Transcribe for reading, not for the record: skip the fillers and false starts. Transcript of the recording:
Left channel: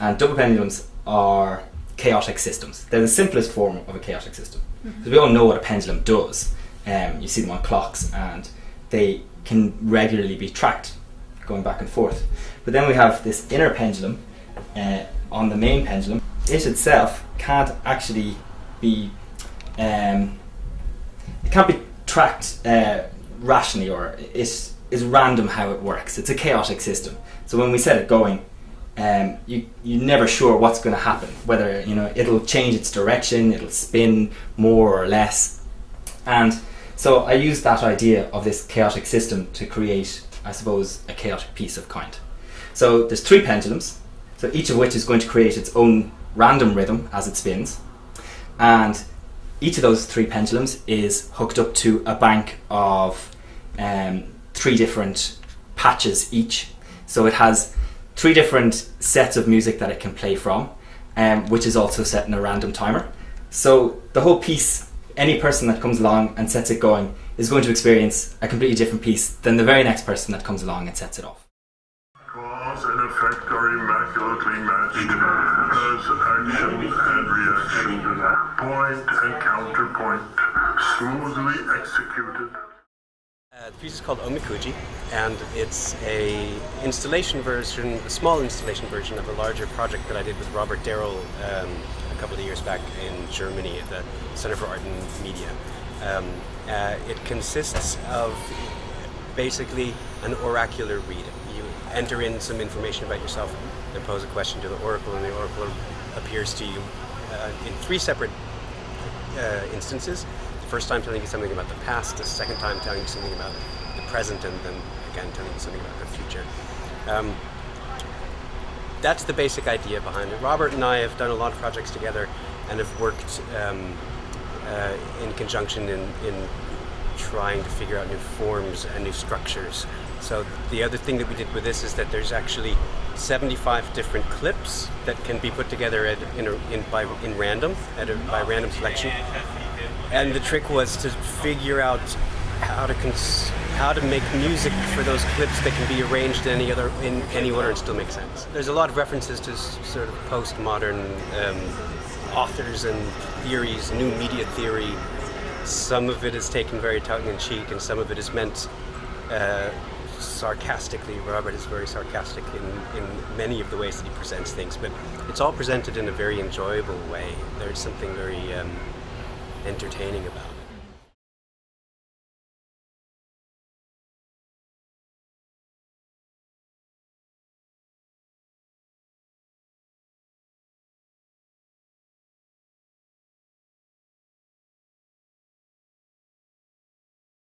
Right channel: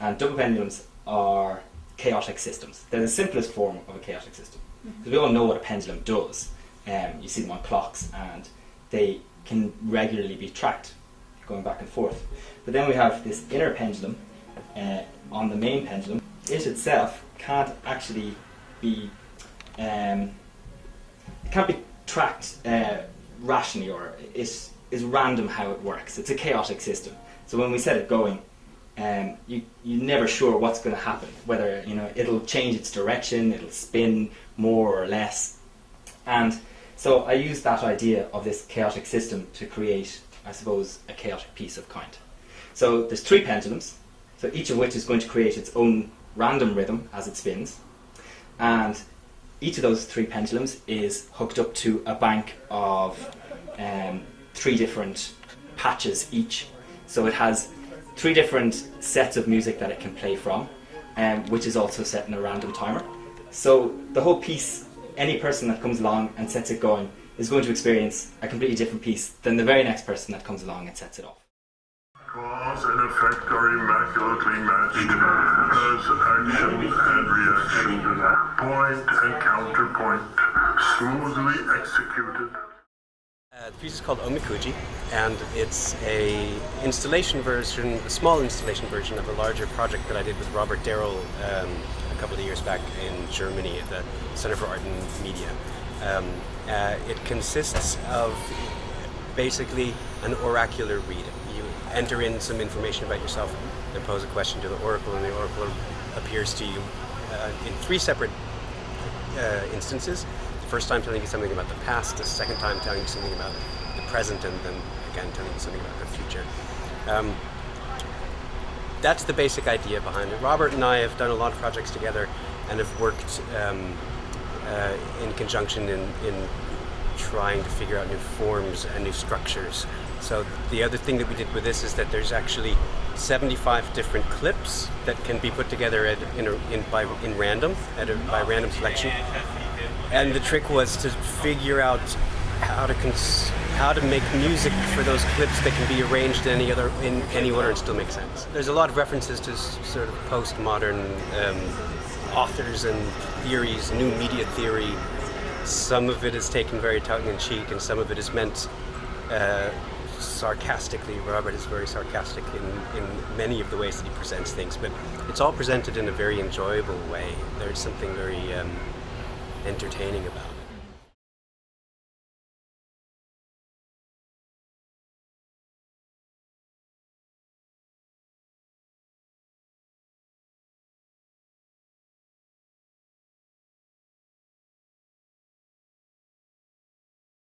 And double pendulums are chaotic systems. They're the simplest form of a chaotic system. Because we all know what a pendulum does. You see them on clocks, and they can regularly be tracked, going back and forth. But then we have this inner pendulum on the main pendulum. It itself can't actually be it can't be tracked rationally, or it is random how it works. It's a chaotic system. So when we set it going, you're never sure what's going to happen. Whether it'll change its direction, it'll spin more or less. And so I used that idea of this chaotic system to create, I suppose, a chaotic piece of kind. So there's 3 pendulums, so each of which is going to create its own random rhythm as it spins. And each of those 3 pendulums is hooked up to a bank of 3 different patches each. So it has 3 different sets of music that it can play from, which is also set in a random timer. So the whole piece, any person that comes along and sets it going is going to experience a completely different piece than the very next person that comes along and sets it off. Cause and effect are immaculately matched as action and reaction, point and counterpoint, smoothly executed. The piece is called Omikuji, and it's a small installation version of a larger project that I did with Robert Darrell a couple of years back in Germany at the Center for Art and Media. It consists of basically an oracular read. You enter in some information about yourself and pose a question to the oracle, and the oracle appears to you in 3 separate instances. The first time telling you something about the past, the second time telling you something about the present, and then again telling you something about the future. That's the basic idea behind it. Robert and I have done a lot of projects together and have worked in conjunction in trying to figure out new forms and new structures. So the other thing that we did with this is that there's actually 75 different clips that can be put together by random selection. And the trick was to figure out how to make music for those clips that can be arranged in any order and still make sense. There's a lot of references to sort of postmodern authors and theories, new media theory. Some of it is taken very tongue-in-cheek, and some of it is meant sarcastically. Robert is very sarcastic in many of the ways that he presents things, but it's all presented in a very enjoyable way. There's something very entertaining about it.